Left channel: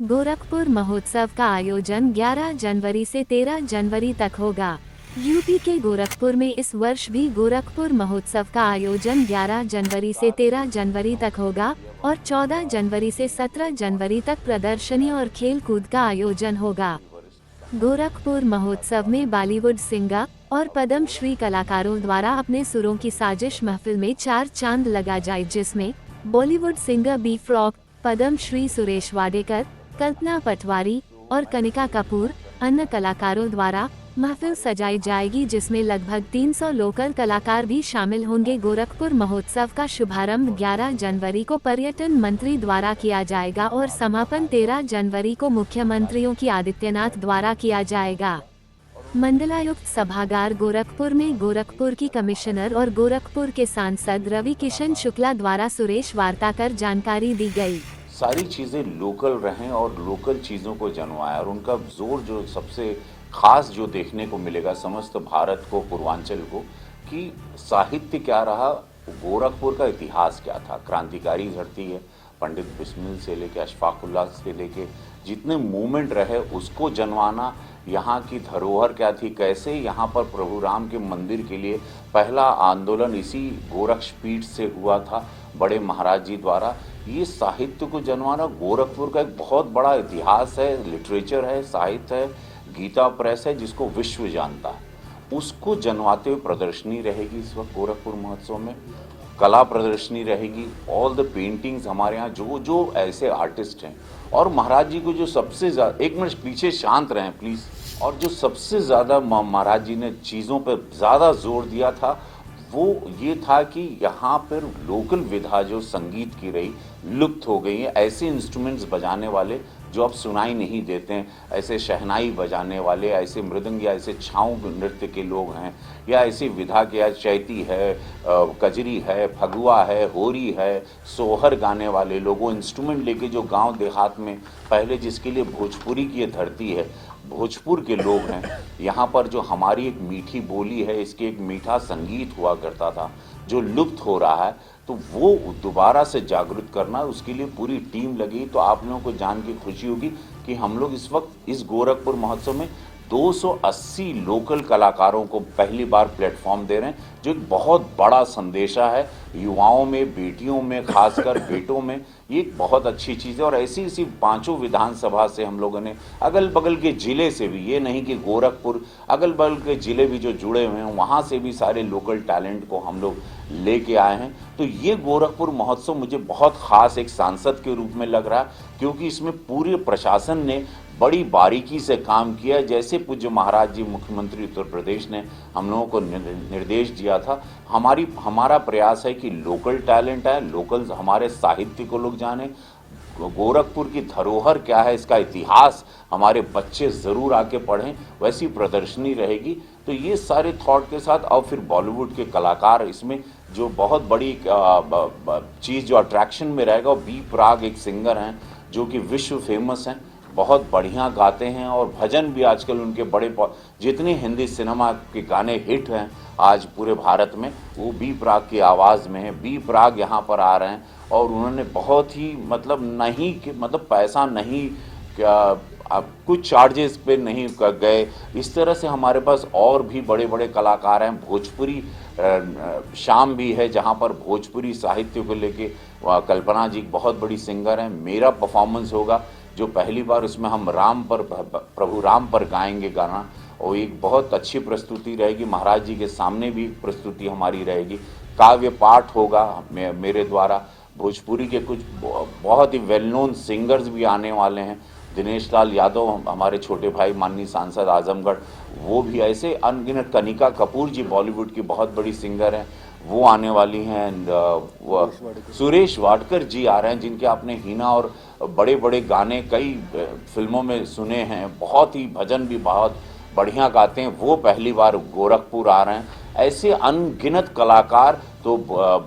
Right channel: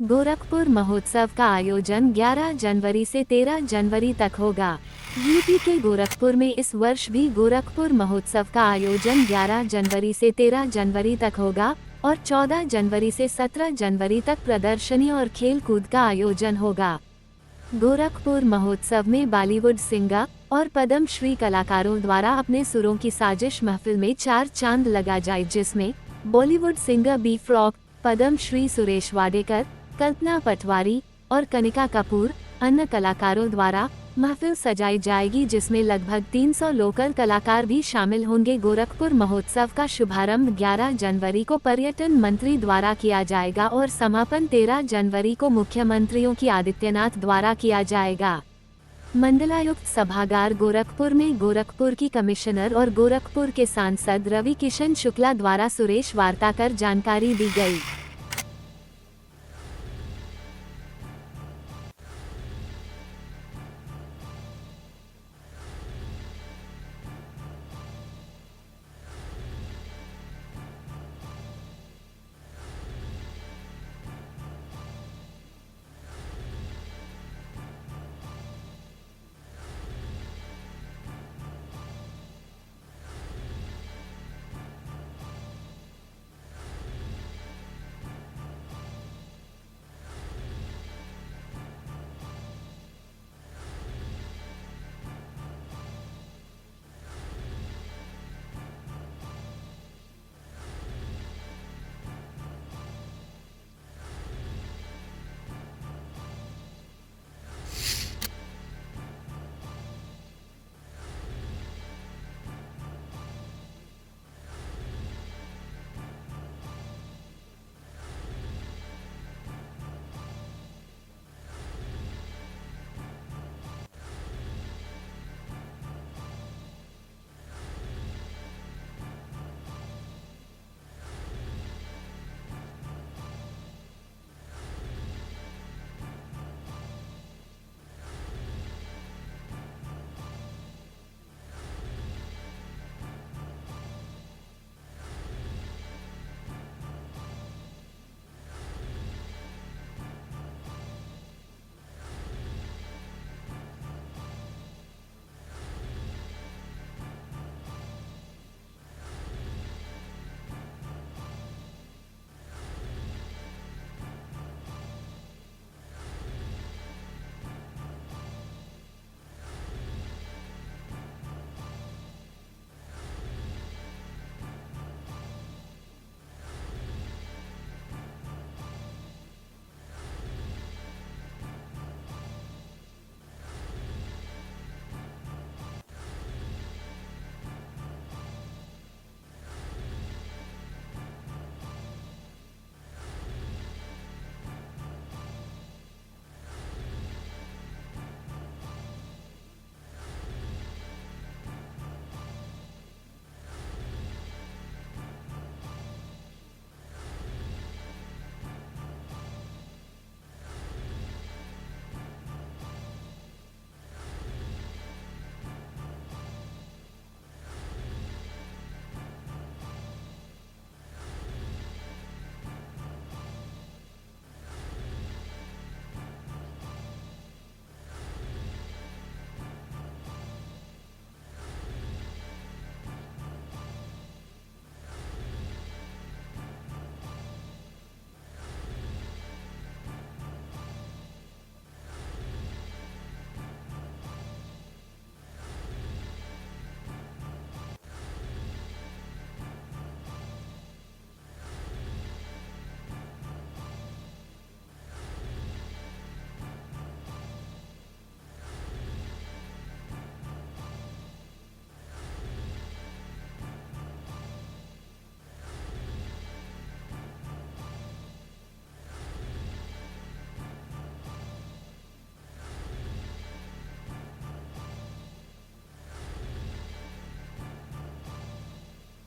गोरखपुर महोत्सव का आयोजन 11 जनवरी से 13 जनवरी तक होगा। यूपी के गोरखपुर में इस वर्ष भी गोरखपुर महोत्सव का आयोजन 11 जनवरी से 13 जनवरी तक होगा और 14 जनवरी से 17 जनवरी तक प्रदर्शनी और खेल कूद का आयोजन होगा। गोरखपुर महोत्सव में बॉलीवुड सिंगर और पद्म श्री कलाकारों द्वारा अपने सुरों की साजिश महफिल में 4 चांद लगा जाए, जिसमें Bollywood singer B frock, Padma Shri Suresh Wadekar, कल्पना पटवारी और कनिका कपूर अन्य कलाकारों द्वारा महफिल सजाई जाएगी, जिसमें लगभग 300 लोकल कलाकार भी शामिल होंगे। गोरखपुर महोत्सव का शुभारंभ 11 जनवरी को पर्यटन मंत्री द्वारा किया जाएगा और समापन 13 जनवरी को मुख्यमंत्रियों की आदित्यनाथ द्वारा किया जाएगा। मंडलायुक्त सभागार गोरखपुर में गोरखपुर की कमिश्नर और गोरखपुर के सांसद रवि किशन शुक्ला द्वारा सुरेश वार्ता कर जानकारी दी गई। सारी चीज़ें लोकल रहें और लोकल चीज़ों को जनवाएं और उनका जोर जो सबसे खास जो देखने को मिलेगा समस्त भारत को, पूर्वांचल को, कि साहित्य क्या रहा, गोरखपुर का इतिहास क्या था। क्रांतिकारी धरती है, पंडित बिस्मिल से लेके अशफाकुल्लाह से लेके जितने मूवमेंट रहे उसको जनवाना, यहाँ की धरोहर क्या थी, कैसे यहाँ पर प्रभु राम के मंदिर के लिए पहला आंदोलन इसी गोरक्षपीठ से हुआ था बड़े महाराज जी द्वारा। ये साहित्य को जनवाना, गोरखपुर का एक बहुत बड़ा इतिहास है, लिटरेचर है, साहित्य है, गीता प्रेस है जिसको विश्व जानता है, उसको जनवाते हुए प्रदर्शनी रहेगी इस वक्त गोरखपुर महोत्सव में। कला प्रदर्शनी रहेगी, ऑल द पेंटिंग्स हमारे यहाँ जो जो ऐसे आर्टिस्ट हैं, और महाराज जी को जो सबसे ज़्यादा, एक मिनट पीछे शांत रहें प्लीज़, और जो सबसे ज़्यादा महाराज जी ने चीज़ों पर ज़्यादा जोर दिया था वो ये था कि यहाँ पर लोकल विधा जो संगीत की रही लुप्त हो गई है। ऐसे इंस्ट्रूमेंट्स बजाने वाले जो अब सुनाई नहीं देते हैं, ऐसे शहनाई बजाने वाले, ऐसे मृदंग या ऐसे छाऊ नृत्य के लोग हैं, या ऐसी विधा के, या चैती है, कजरी है, फगुआ है, होरी है, सोहर गाने वाले लोग, वो इंस्ट्रूमेंट लेके जो गांव देहात में पहले, जिसके लिए भोजपुरी की ये धरती है, भोजपुर के लोग हैं, यहाँ पर जो हमारी एक मीठी बोली है, इसके एक मीठा संगीत हुआ करता था जो लुप्त हो रहा है, तो वो दोबारा से जागरूक करना, उसके लिए पूरी टीम लगी। तो आप लोगों को जान के खुशी होगी कि हम लोग इस वक्त इस गोरखपुर महोत्सव में 280 लोकल कलाकारों को पहली बार प्लेटफॉर्म दे रहे हैं, जो एक बहुत बड़ा संदेशा है युवाओं में, बेटियों में, खासकर बेटों में। ये एक बहुत अच्छी चीज़ है। और ऐसी इसी पांचों विधानसभा से हम लोगों ने, अगल बगल के ज़िले से भी, ये नहीं कि गोरखपुर, अगल बगल के ज़िले भी जो जुड़े हुए हैं वहाँ से भी सारे लोकल टैलेंट को हम लोग लेके आए हैं। तो ये गोरखपुर महोत्सव मुझे बहुत ख़ास एक सांसद के रूप में लग रहा है, क्योंकि इसमें पूरे प्रशासन ने बड़ी बारीकी से काम किया है। जैसे पूज्य महाराज जी मुख्यमंत्री उत्तर प्रदेश ने हम लोगों को निर्देश दिया था, हमारा प्रयास है कि लोकल टैलेंट है, लोकल हमारे साहित्य को लोग जाने, गोरखपुर की धरोहर क्या है, इसका इतिहास हमारे बच्चे ज़रूर आके पढ़ें। वैसी प्रदर्शनी रहेगी। तो ये सारे थॉट के साथ, और फिर बॉलीवुड के कलाकार इसमें जो बहुत बड़ी चीज़ जो अट्रैक्शन में रहेगा, वो बी प्राग एक सिंगर हैं जो कि विश्व फेमस हैं, बहुत बढ़िया गाते हैं, और भजन भी आजकल उनके बड़े, जितने हिंदी सिनेमा के गाने हिट हैं आज पूरे भारत में, वो बी प्राग की आवाज़ में है। बी प्राग यहाँ पर आ रहे हैं और उन्होंने बहुत ही मतलब पैसा नहीं, अब कुछ चार्जेस पे नहीं गए। इस तरह से हमारे पास और भी बड़े बड़े कलाकार हैं। भोजपुरी शाम भी है जहाँ पर भोजपुरी साहित्य को लेके कल्पना जी बहुत बड़ी सिंगर हैं। मेरा परफॉर्मेंस होगा जो पहली बार, उसमें हम प्रभु राम पर गाएंगे गाना, और एक बहुत अच्छी प्रस्तुति रहेगी। महाराज जी के सामने भी प्रस्तुति हमारी रहेगी। काव्य पाठ होगा मेरे द्वारा। भोजपुरी के कुछ बहुत ही वेल नोन सिंगर्स भी आने वाले हैं। दिनेश लाल यादव हमारे छोटे भाई, माननीय सांसद आजमगढ़, वो भी ऐसे अनगिनत, कनिका कपूर जी बॉलीवुड की बहुत बड़ी सिंगर हैं, वो आने वाली हैं। सुरेश वाडकर जी आ रहे हैं, जिनके आपने हीना और बड़े बड़े गाने कई फिल्मों में सुने हैं, बहुत ही भजन भी बहुत बढ़िया गाते हैं, वो पहली बार गोरखपुर आ रहे हैं। ऐसे अनगिनत कलाकार, तो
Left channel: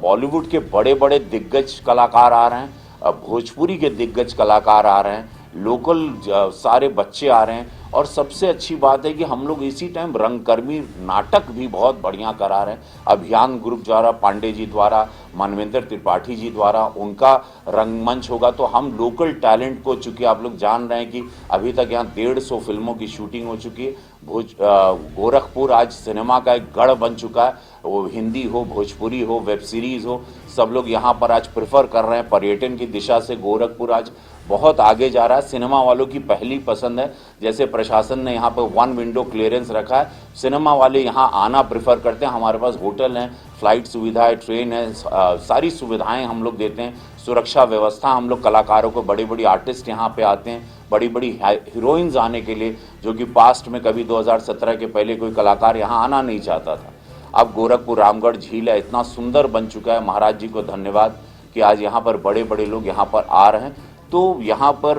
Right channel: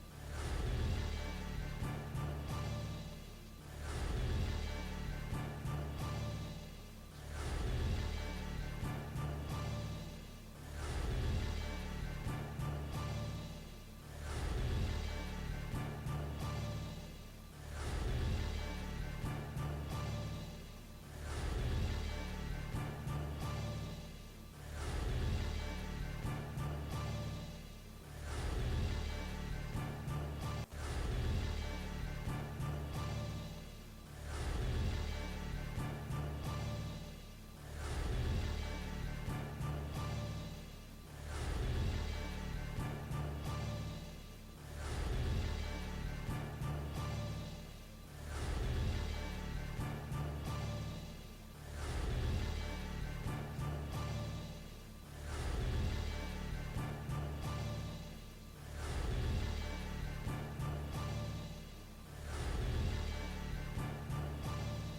बॉलीवुड के बड़े बड़े दिग्गज कलाकार आ रहे हैं, भोजपुरी के दिग्गज कलाकार आ रहे हैं, लोकल सारे बच्चे आ रहे हैं। और सबसे अच्छी बात है कि हम लोग इसी टाइम रंगकर्मी नाटक भी बहुत बढ़िया करा रहे हैं। अभियान ग्रुप द्वारा, पांडे जी द्वारा, मनविंदर त्रिपाठी जी द्वारा उनका रंगमंच होगा। तो हम लोकल टैलेंट को, चूँकि आप लोग जान रहे हैं कि अभी तक यहाँ 150 फिल्मों की शूटिंग हो चुकी है। गोरखपुर आज सिनेमा का एक गढ़ बन चुका है। वो हिंदी हो, भोजपुरी हो, वेब सीरीज़ हो, सब लोग यहाँ पर आज प्रेफर कर रहे हैं। पर्यटन की दिशा से गोरखपुर आज बहुत आगे जा रहा है। सिनेमा वालों की पहली पसंद है। जैसे प्रशासन ने यहाँ पर 1 विंडो क्लियरेंस रखा है, सिनेमा वाले यहाँ आना प्रेफर करते हैं। हमारे पास होटल हैं, फ्लाइट सुविधा है, ट्रेन है, सारी सुविधाएं हम लोग देते हैं। सुरक्षा व्यवस्था, हम लोग कलाकारों को, बड़ी बड़ी आर्टिस्ट यहाँ पे आते हैं, बड़ी बड़ी हीरोइंस आने के लिए, जो कि पास्ट में कभी 2017 के पहले कोई कलाकार यहाँ आना नहीं चाहता था। अब गोरखपुर रामगढ़ झील है, इतना सुंदर बन चुका है। महाराज जी को धन्यवाद कि आज यहाँ पर बड़े बड़े लोग यहाँ पर आ रहे हैं। तो यहाँ पर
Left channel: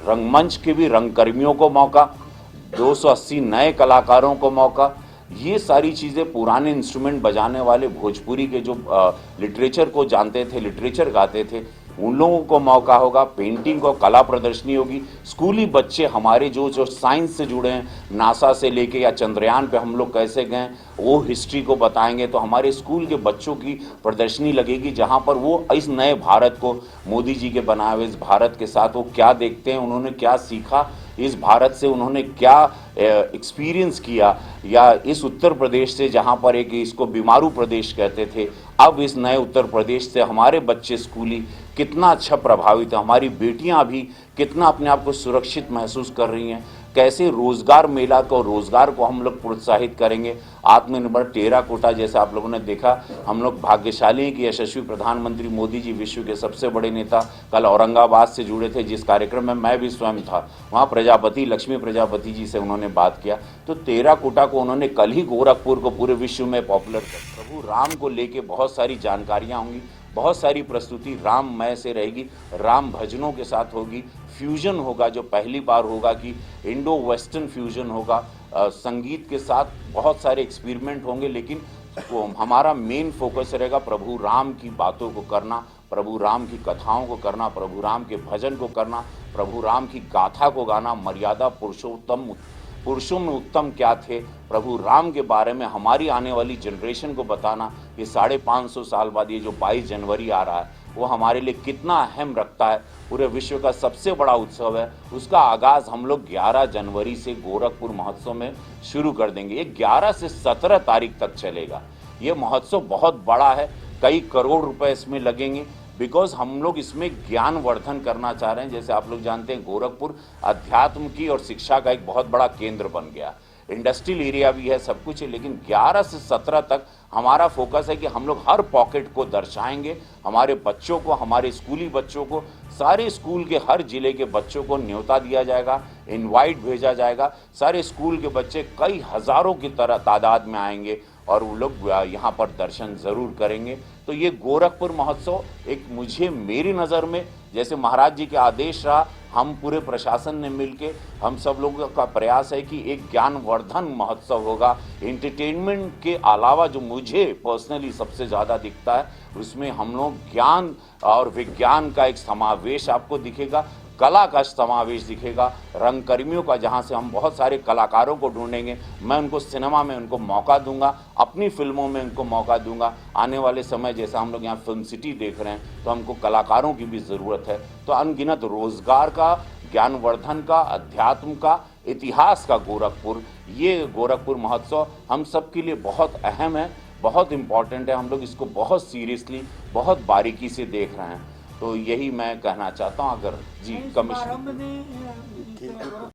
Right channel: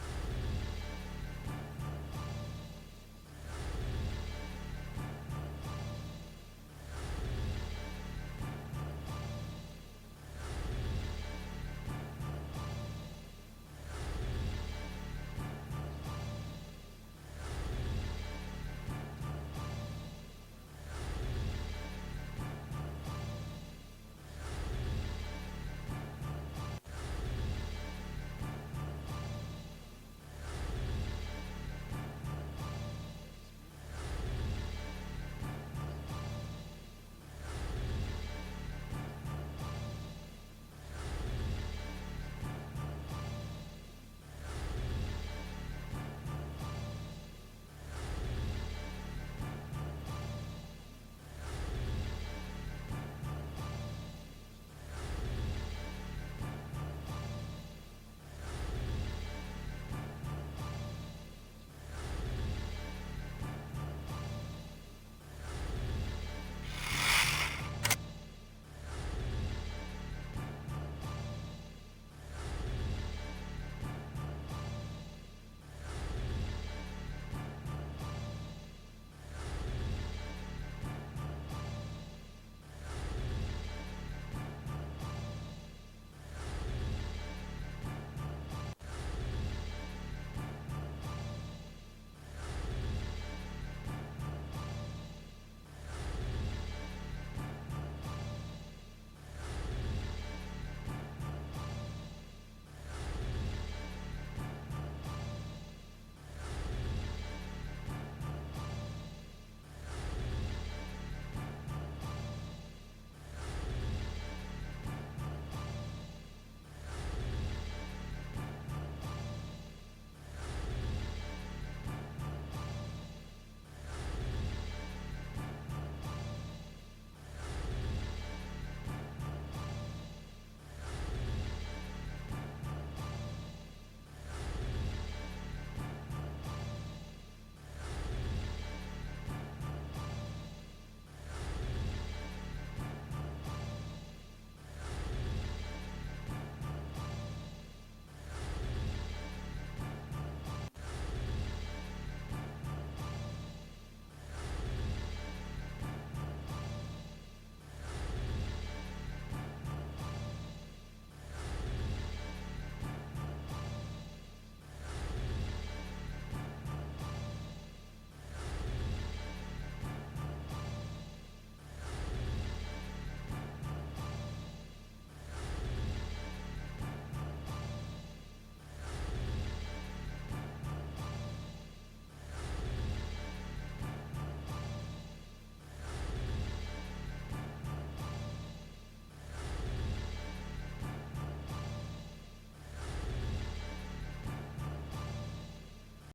रंगमंच के भी रंगकर्मियों को मौका, 280 नए कलाकारों को मौका, ये सारी चीज़ें पुराने इंस्ट्रूमेंट बजाने वाले भोजपुरी के जो लिटरेचर को जानते थे, लिटरेचर गाते थे, उन लोगों को मौका होगा। पेंटिंग को, कला प्रदर्शनी होगी। स्कूली बच्चे हमारे जो साइंस से जुड़े हैं, नासा से लेके या चंद्रयान पे हम लोग कैसे गए, वो हिस्ट्री को बताएंगे। तो हमारे स्कूल के बच्चों की प्रदर्शनी लगेगी, जहाँ पर वो इस नए भारत को, मोदी जी के बनाए हुए इस भारत के साथ वो क्या देखते हैं, उन्होंने क्या सीखा इस भारत से, उन्होंने क्या एक्सपीरियंस किया, या इस उत्तर प्रदेश से, जहाँ पर एक इसको बीमारू प्रदेश कहते थे, अब इस नए उत्तर प्रदेश से हमारे बच्चे स्कूली कितना अच्छा प्रभावित है। हमारी बेटियां भी कितना अपने आप को सुरक्षित महसूस कर रही हैं। कैसे रोजगार मेला को, रोजगार को हम लोग प्रोत्साहित करेंगे। आत्मनिर्भर टेराकोटा, जैसे आप लोगों ने देखा, हम लोग भाग्यशाली हैं कि यशस्वी प्रधानमंत्री मोदी जी, विश्व के सबसे बड़े नेता, कल औरंगाबाद से जुड़े थे, जिस कार्यक्रम में मैं भी स्वयं था। वहाँ प्रजापति, लक्ष्मी प्रजापति जी से उन्होंने बात किया। तो टेराकोटा को उन्होंने कल ही गोरखपुर को पूरे विश्व में पॉपुलर किया। प्रभु राम को लेके बहुत सारी जानकारियाँ होंगी, बहुत सारी प्रस्तुति राममय से रहेगी, राम भजनों के साथ होगी। फ्यूजन होगा, जो पहली बार होगा कि इंडो वेस्टर्न फ्यूजन होगा। संगीत के साथ बहुत सारे एक्सपेरिमेंट होंगे, लेकिन हमारा मेन फोकस रहेगा प्रभु राम की बातों को करना, प्रभु राम की कथाओं को करना, प्रभु राम के भजन को करना, प्रभु राम की गाथा को गाना। मर्यादा पुरुषों में उत्तम क्या थे, प्रभु राम के बारे में हमारी आने वाली जनरेशन को बताना। ये 550 साल बाद ये जो 22 जनवरी आ रहा है, वो हमारे लिए कितना अहम रखता है। पूरे विश्व का सबसे बड़ा उत्सव है, उसका आगाज़ हम लोग 11 जनवरी से गोरखपुर महोत्सव में शुरू कर देंगे। ये 11 से 17 तारीख तक चलेगा। ये महोत्सव बहुत बड़ा है, कई करोड़ रुपए इसमें लगेंगे, बिकॉज हम लोग इसमें ज्ञानवर्धन करना चाह रहे हैं। जैसे आप लोग जानते हैं, गोरखपुर अध्यात्म की और शिक्षा का एक बहुत बड़ा केंद्र बन गया। इंडस्ट्रियल एरिया भी है, सब कुछ है, लेकिन 11 से 17 तक हमारा फोकस है कि हम लोग हर पॉकेट को दर्शाएंगे। हमारे बच्चों को, हमारे स्कूली बच्चों को, सारे स्कूल के हर जिले के बच्चों को न्योता दिया जाएगा, इनवाइट भेजा जाएगा। सारे स्कूल के बच्चे कई हज़ारों की तादाद में आएंगे और वो लोग यहाँ पर दर्शन ज़रूर करेंगे। तो ये गोरखपुर महोत्सव एक, मेरी नज़र में, जैसे महाराज जी के आदेश रहा, हम पूरे प्रशासन ने मिलके, हम सब लोगों का प्रयास है कि एक ज्ञानवर्धन महोत्सव होगा। एंटरटेनमेंट के अलावा जो मुझे पर्सनली सबसे ज़्यादा दिखता है, उसमें हम लोग ज्ञान और विज्ञान का एक समावेश आपको दिखेगा, कला का समावेश दिखेगा, रंगकर्मियों का, जहाँ से हम बहुत सारे कलाकारों को ढूंढेंगे। मैं उनको सिनेमा में उनको मौका दूंगा, अपनी फिल्मों में उनको मौका दूंगा। आने वाले समय, जैसा हम लोग यहाँ फिल्म सिटी देख रहे हैं, तो हमको कलाकारों की भी ज़रूरत है। तो अनगिनत रोजगार का, ज्ञानवर्धन का, अध्यात्म का, इतिहास का गोरखपुर, ये गोरखपुर महोत्सव हम सब के लिए बहुत अहम है, बहुत इम्पॉर्टेंट है। हम लोग इसको बहुत सीरियसली, बहुत बारीकी से देख रहे हैं। तो यही मैं कहना चाहता हूँ। अगर जी प्रारंभ में